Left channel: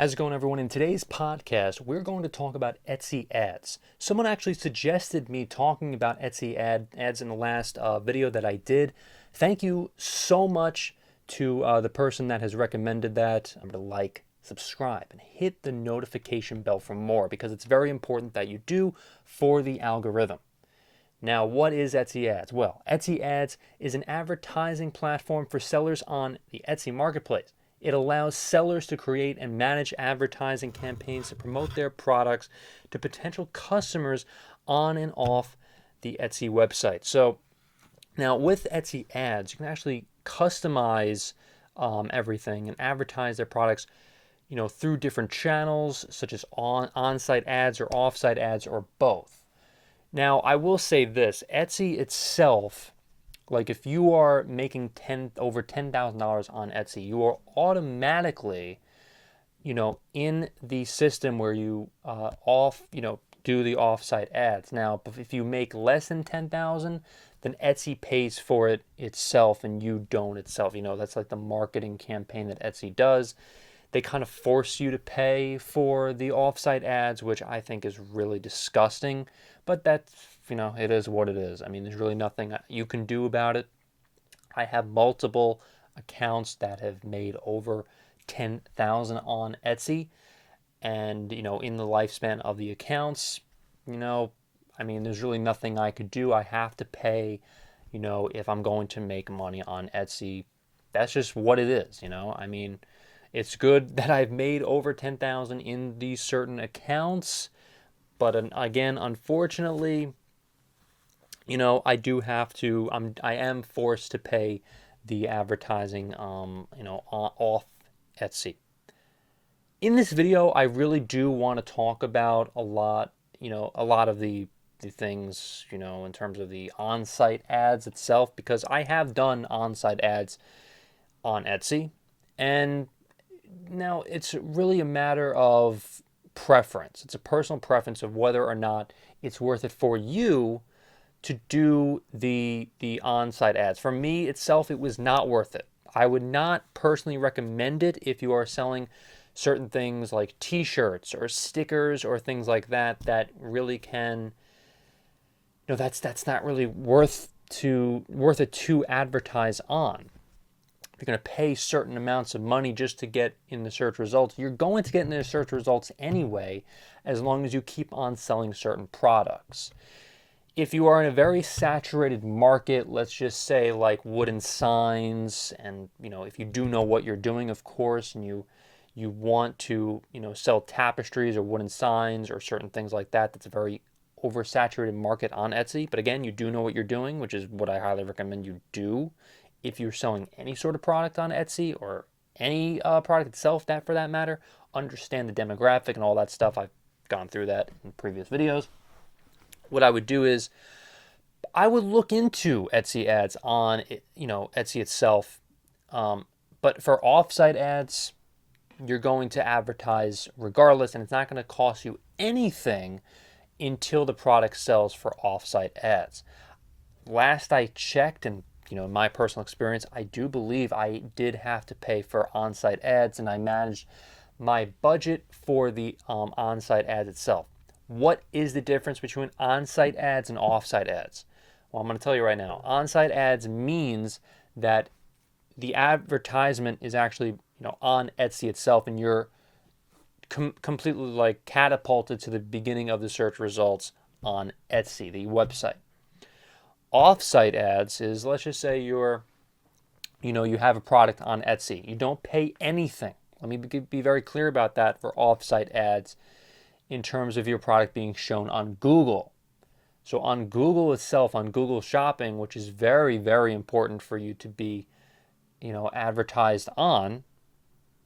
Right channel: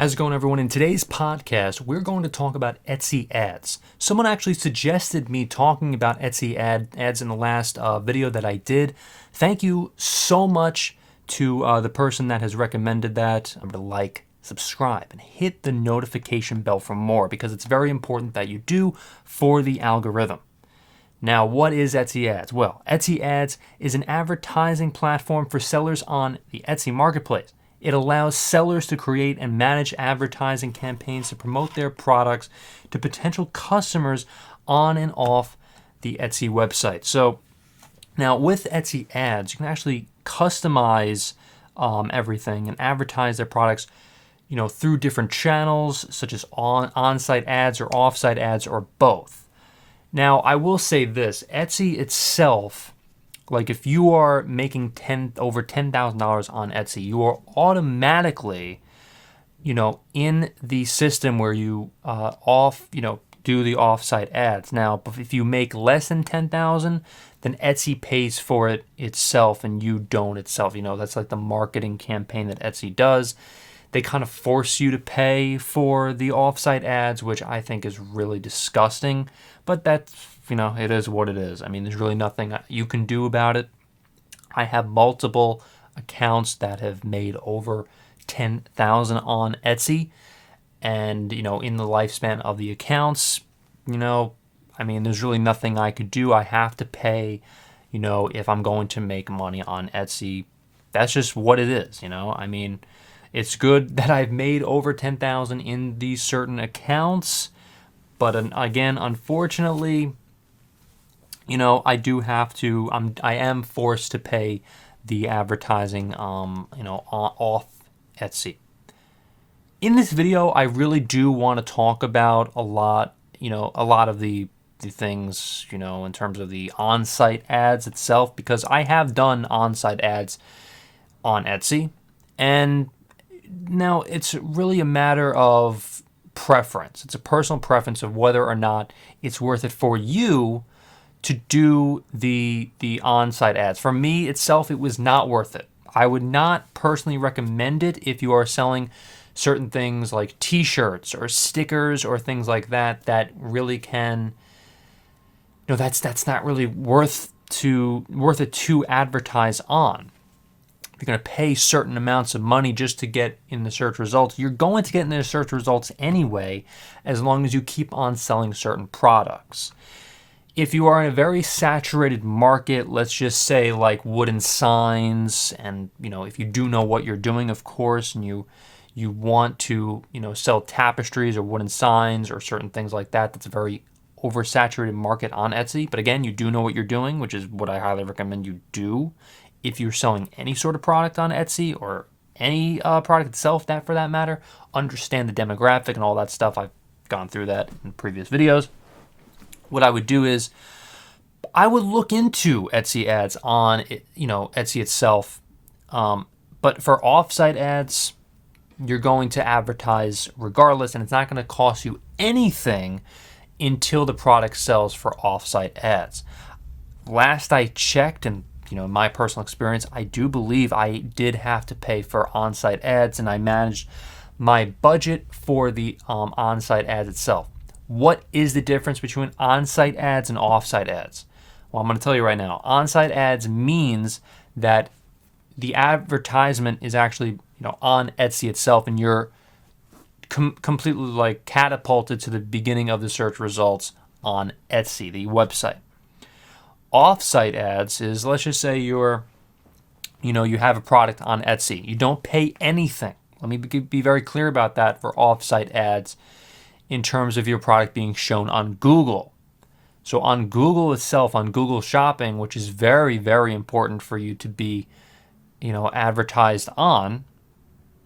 How's it going, everyone? In today's podcast, we're going to talk about Etsy ads. Someone actually suggested me talking about Etsy ads in the last video that I did. Thank you so much to the person that has recommended that. I'm going to like, subscribe, and hit the notification bell for more because it's very important that you do for the algorithm. Now, what is Etsy ads? Well, Etsy ads is an advertising platform for sellers on the Etsy marketplace. It allows sellers to create and manage advertising campaigns to promote their products to potential customers on and off the Etsy website. So now with Etsy ads, you can actually customize everything and advertise their products, through different channels such as on-site ads or off-site ads or both. Now, I will say this, Etsy itself, like if you are making over $10,000 on Etsy, you are automatically, in the system where you do the offsite ads. Now, if you make less than $10,000, then Etsy pays for it itself and you don't itself. That's like the marketing campaign that Etsy does. They kind of force you to pay for the offsite ads, which I think is really disgusting. But that's, it is what it is. I mean, there's really nothing you can do about it. I have multiple accounts that have made over $10,000 on Etsy. And, in the lifespan of the accounts, there's really nothing I could do. I have to pay, if I'm going to make money on Etsy. That's just what it is, It's good that I've made over $10,000 in these certain accounts, but again, unfortunately, I do have to. I am forced to pay the advertising, off Etsy. In this video, I really do want to talk about a lot of the things, in terms of the on-site ads itself, because I have done on-site ads on Etsy, and now it's really a matter of preference. It's a personal preference of whether or not it's worth it for you to do the on-site ads. For me itself, it was not worth it. I would not personally recommend it if you are selling certain things like t-shirts or stickers or things like that really can, that's not really worth it to advertise on. You're going to pay certain amounts of money just to get in the search results. You're going to get in the search results anyway, as long as you keep on selling certain products. If you are in a very saturated market, let's just say like wooden signs, and if you do know what you're doing, of course, and you want to sell tapestries or wooden signs or certain things like that, that's a very oversaturated market on Etsy. But again, you do know what you're doing, which is what I highly recommend you do. If you're selling any sort of product on Etsy or any product itself, that for that matter, understand the demographic and all that stuff. I've gone through that in previous videos. What I would do is I would look into Etsy ads on Etsy itself. But for offsite ads, you're going to advertise regardless, and it's not going to cost you anything until the product sells for offsite ads. Last I checked, and in my personal experience, I do believe I did have to pay for on-site ads, and I managed my budget for the on-site ads itself. What is the difference between on-site ads and off-site ads? Well, I'm going to tell you right now. On-site ads means that the advertisement is actually on Etsy itself, and you're completely like catapulted to the beginning of the search results on Etsy, the website. Off-site ads is, let's just say you have a product on Etsy. You don't pay anything. Let me be very clear about that for off-site ads in terms of your product being shown on Google. So on Google itself, on Google Shopping, which is very, very important for you to be, advertised on,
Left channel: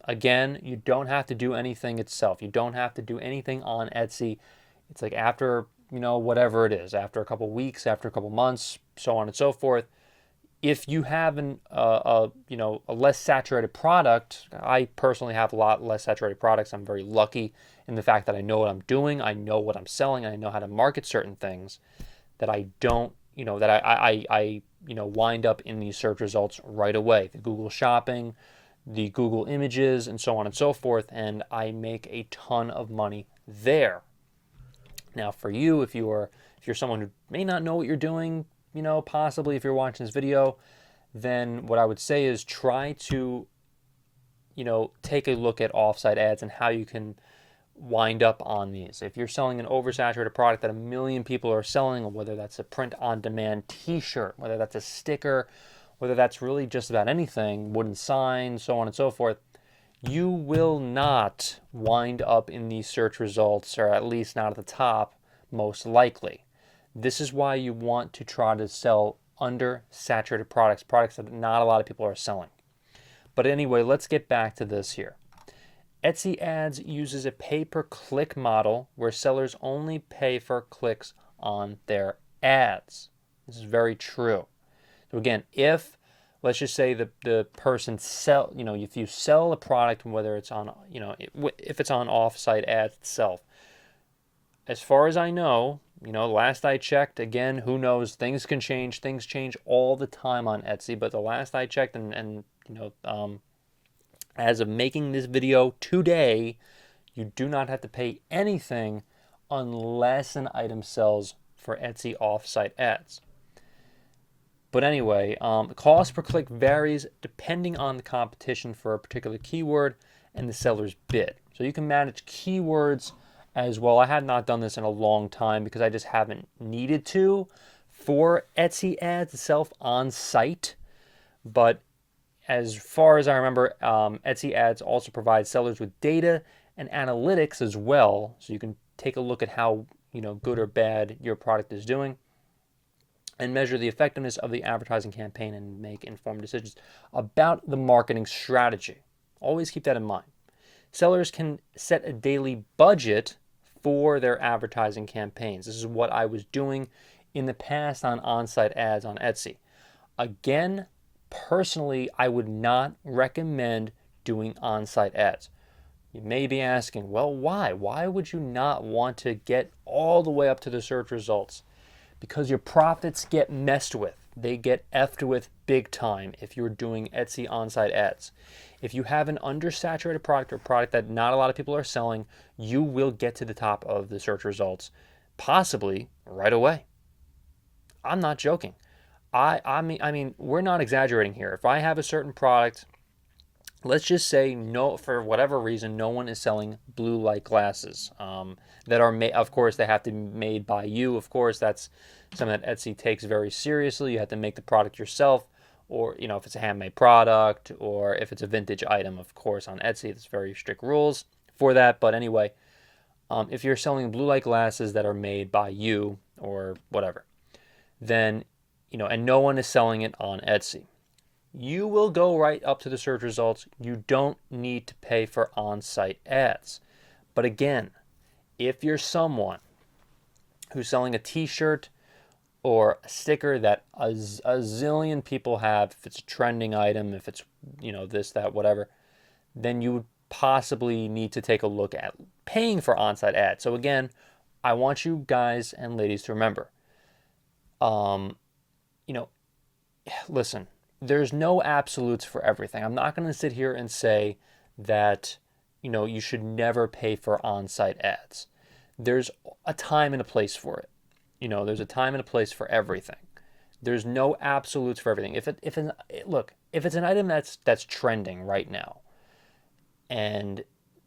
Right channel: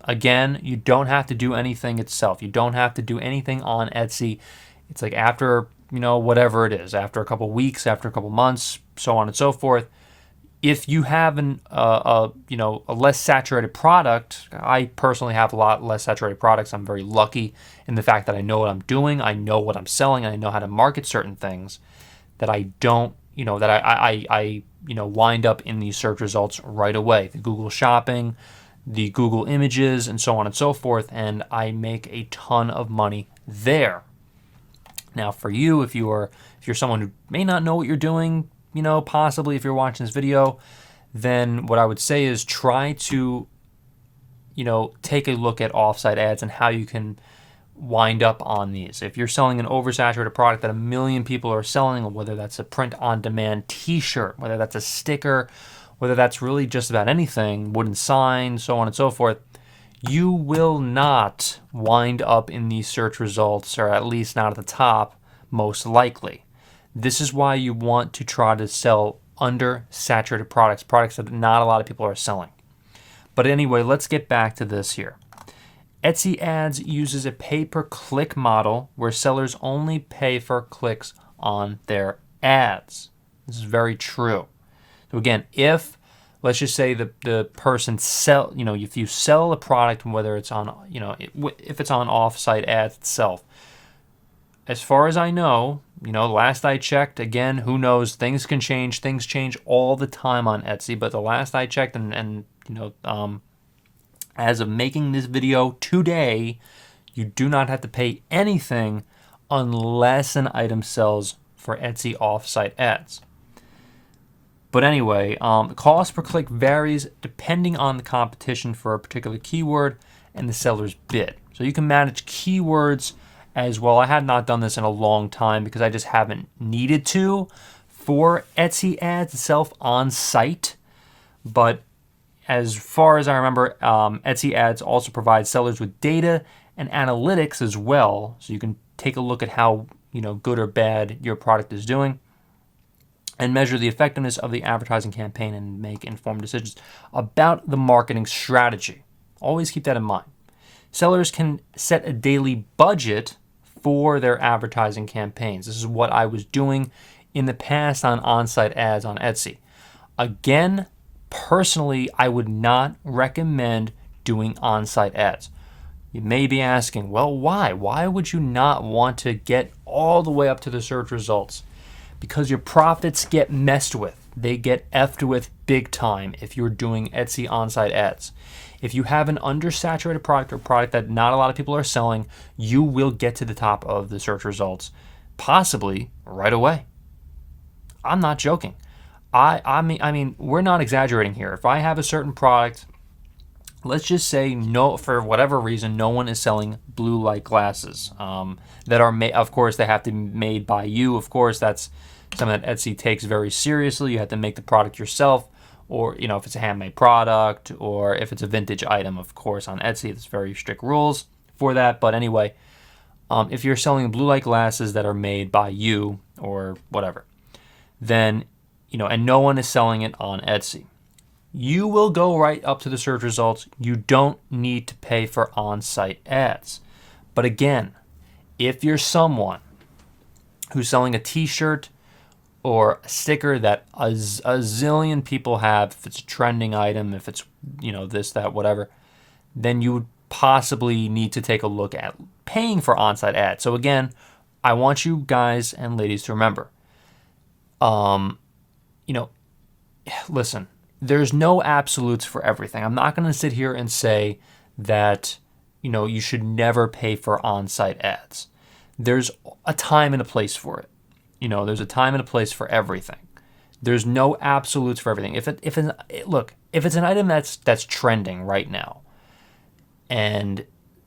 again, you don't have to do anything itself. You don't have to do anything on Etsy. It's like after whatever it is, after a couple weeks, after a couple months, so on and so forth. If you have a less saturated product, I personally have a lot less saturated products. I'm very lucky in the fact that I know what I'm doing, I know what I'm selling, and I know how to market certain things that I don't, that I wind up in these search results right away. The Google Shopping, the Google images, and so on and so forth, and I make a ton of money there. Now, for you, if you're someone who may not know what you're doing, possibly if you're watching this video, then what I would say is try to, take a look at offsite ads and how you can wind up on these. If you're selling an oversaturated product that a million people are selling, whether that's a print-on-demand t-shirt, whether that's a sticker, whether that's really just about anything, wooden signs, so on and so forth, you will not wind up in these search results, or at least not at the top, most likely. This is why you want to try to sell undersaturated products that not a lot of people are selling. But anyway, let's get back to this here. Etsy Ads uses a pay-per-click model where sellers only pay for clicks on their ads. This is very true. So again, if let's just say the person if you sell a product, whether it's on, if it's on offsite ads itself, as far as I know, last I checked, again, who knows, things can change. Things change all the time on Etsy, but the last I checked as of making this video today, you do not have to pay anything unless an item sells for Etsy offsite ads. But anyway, the cost per click varies depending on the competition for a particular keyword and the seller's bid. So you can manage keywords as well. I have not done this in a long time because I just haven't needed to for Etsy ads itself on site. But as far as I remember, Etsy ads also provide sellers with data and analytics as well. So you can take a look at how, good or bad your product is doing, and measure the effectiveness of the advertising campaign and make informed decisions about the marketing strategy. Always keep that in mind. Sellers can set a daily budget for their advertising campaigns. This is what I was doing in the past on on-site ads on Etsy. Again, personally, I would not recommend doing on-site ads. You may be asking, well, why? Why would you not want to get all the way up to the search results? Because your profits get messed with. They get effed with big time if you're doing Etsy on-site ads. If you have an undersaturated product or product that not a lot of people are selling, you will get to the top of the search results, possibly right away. I'm not joking. I mean, we're not exaggerating here. If I have a certain product, let's just say for whatever reason, no one is selling blue light glasses that are made. Of course, they have to be made by you. Of course, that's something that Etsy takes very seriously. You have to make the product yourself, or if it's a handmade product, or if it's a vintage item. Of course, on Etsy, there's very strict rules for that. But anyway, if you're selling blue light glasses that are made by you or whatever, then and no one is selling it on Etsy, you will go right up to the search results. You don't need to pay for on-site ads. But again, if you're someone who's selling a t-shirt or a sticker that a zillion people have, if it's a trending item, if it's, this, that, whatever, then you would possibly need to take a look at paying for on-site ads. So again, I want you guys and ladies to remember, listen, there's no absolutes for everything. I'm not going to sit here and say that, you should never pay for on-site ads. There's a time and a place for it. There's a time and a place for everything. There's no absolutes for everything. If it's an item that's trending right now, and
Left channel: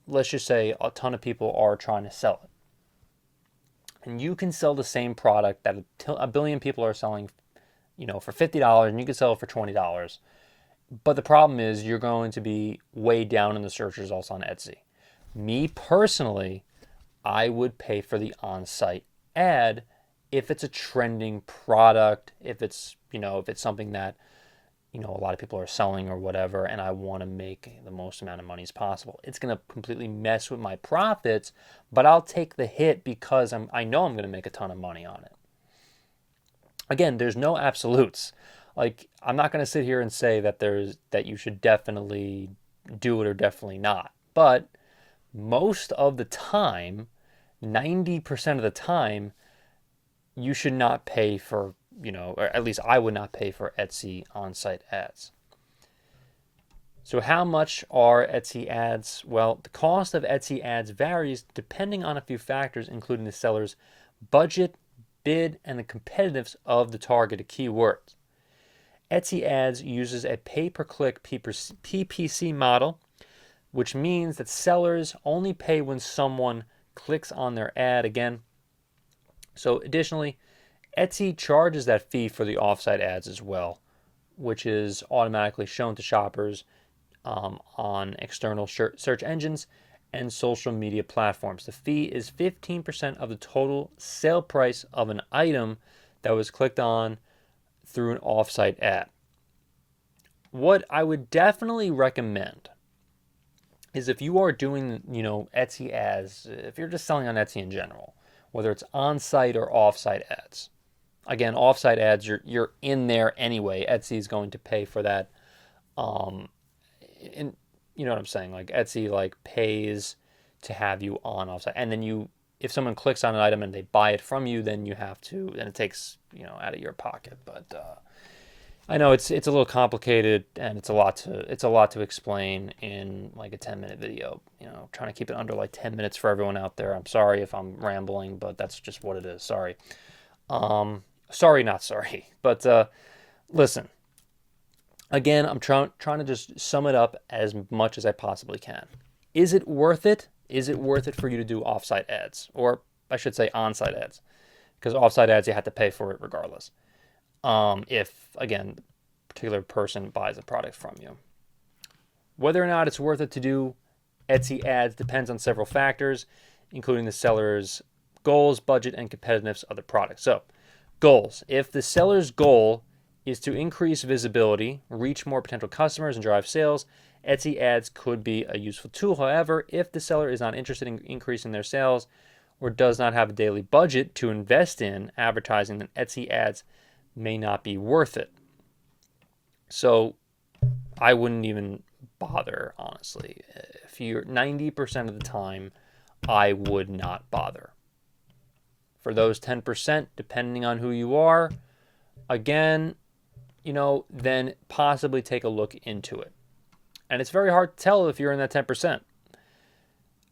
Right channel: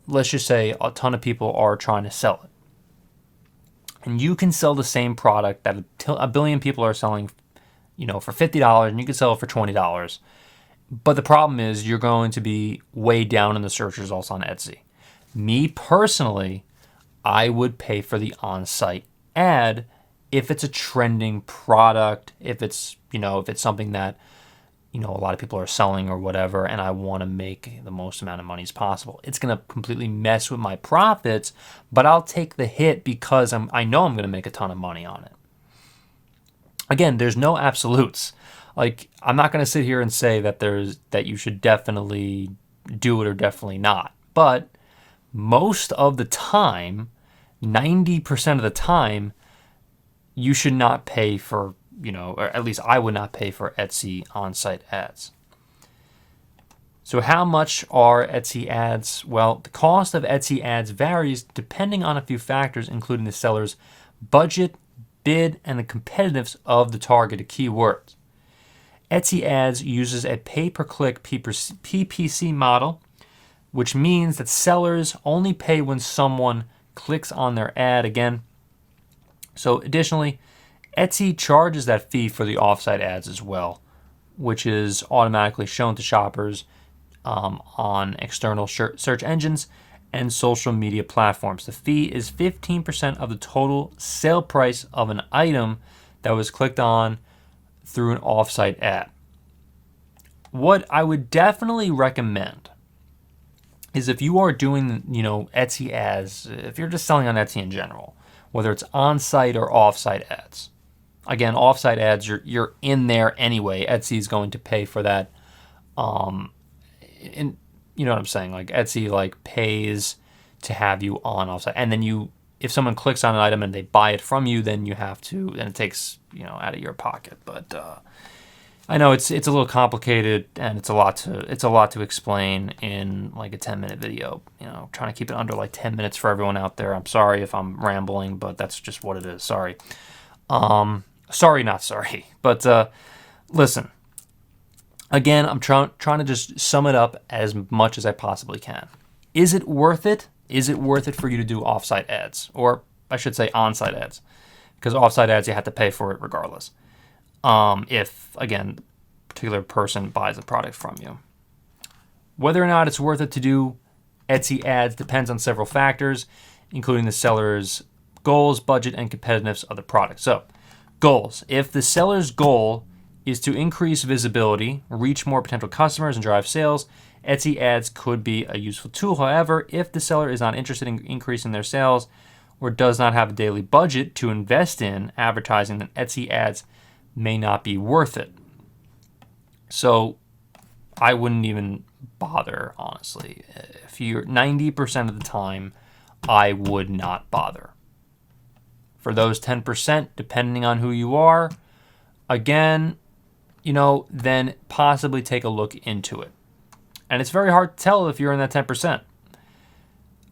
let's just say a ton of people are trying to sell it, and you can sell the same product that a billion people are selling, for $50, and you can sell it for $20. But the problem is you're going to be way down in the search results on Etsy. Me personally, I would pay for the on-site ad if it's a trending product, if it's something that, a lot of people are selling or whatever, and I want to make the most amount of money as possible. It's going to completely mess with my profits, but I'll take the hit because I know I'm going to make a ton of money on it. Again, there's no absolutes. Like, I'm not going to sit here and say that you should definitely do it or definitely not. But most of the time, 90% of the time, you should not pay for, or at least I would not pay for Etsy on-site ads. So how much are Etsy ads? Well, the cost of Etsy ads varies depending on a few factors, including the seller's budget, bid, and the competitiveness of the targeted keywords. Etsy ads uses a pay-per-click PPC model, which means that sellers only pay when someone clicks on their ad again. So additionally, Etsy charges that fee for the offsite ads as well, which is automatically shown to shoppers on external search engines and social media platforms. The fee is 15% of the total sale price of an item that was clicked on through an offsite ad. What I would definitely recommend is if you are doing, Etsy ads, if you're just selling on Etsy in general, whether it's on-site or off-site ads. Again, off-site ads, you're in there anyway. Etsy is going to pay for that. And you know what I'm saying? Like Etsy pays to have you on offsite, and then if someone clicks on an item and they buy it from you, then it takes out of your pocket. But I know it's a little complicated and it's a lot to explain in a 10-minute video. Trying to keep it under 10 minutes for everyone out there. I'm sorry if I'm rambling, but that's just what it is. Sorry. Sorry, not sorry. But listen. Again, I'm trying to just sum it up as much as I possibly can. Is it worth it? Is it worth it for you to do offsite ads? Or I should say on-site ads. Because offsite ads, you have to pay for it regardless. If, again, a particular person buys a product from you. Whether or not it's worth it to do Etsy ads depends on several factors, including the seller's goals, budget, and competitiveness of the product. So, goals. If the seller's goal is to increase visibility, reach more potential customers, and drive sales, Etsy ads could be a useful tool. However, if the seller is not interested in increasing their sales or does not have a daily budget to invest in advertising, then Etsy ads may not be worth it. So I wouldn't even bother, honestly. If you're 90% of the time, I would not bother. For those 10%, depending on who you are, again, then possibly take a look into it. And it's very hard to tell if you're in that 10%.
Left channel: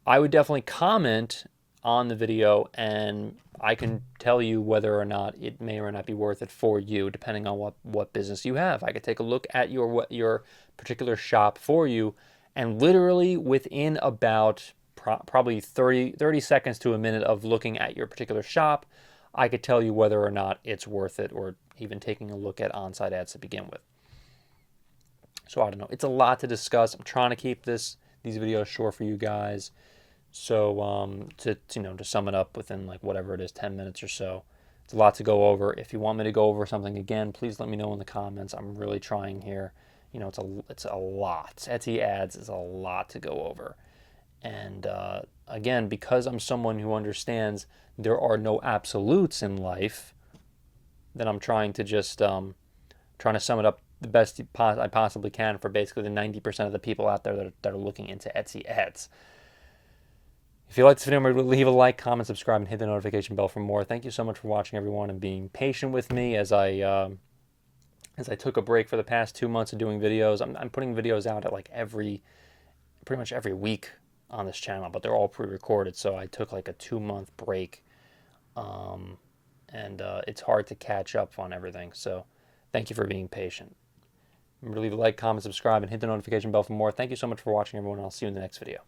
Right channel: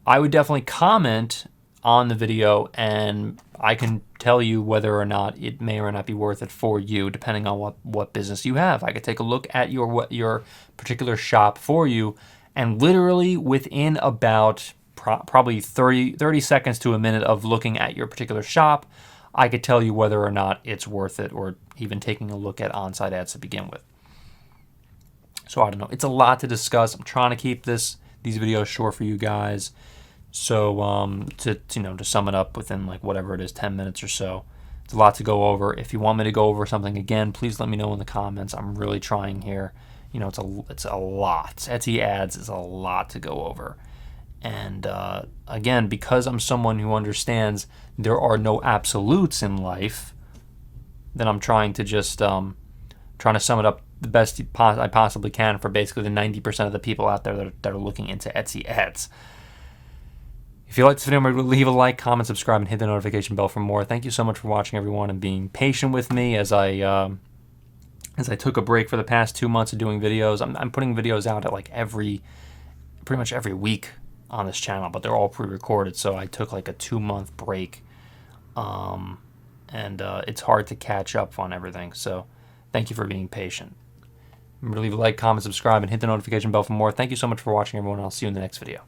I would definitely comment on the video and I can tell you whether or not it may or not be worth it for you, depending on what business you have. I could take a look at your particular shop for you, and literally within about probably 30 seconds to a minute of looking at your particular shop, I could tell you whether or not it's worth it, or even taking a look at on-site ads to begin with. So I don't know. It's a lot to discuss. I'm trying to keep these videos short for you guys. So to sum it up within whatever it is, 10 minutes or so. It's a lot to go over. If you want me to go over something again, please let me know in the comments. I'm really trying here. It's a lot. Etsy ads is a lot to go over. And again, because I'm someone who understands there are no absolutes in life, then I'm trying to just trying to sum it up the best I possibly can for basically the 90% of the people out there that are looking into Etsy ads. If you like this video, remember to leave a like, comment, subscribe, and hit the notification bell for more. Thank you so much for watching, everyone, and being patient with me as I took a break for the past 2 months of doing videos. I'm putting videos out at pretty much every week on this channel, but they're all pre-recorded, so I took a 2-month break, and it's hard to catch up on everything. So thank you for being patient. Remember to leave a like, comment, subscribe, and hit the notification bell for more. Thank you so much for watching, everyone, and I'll see you in the next video.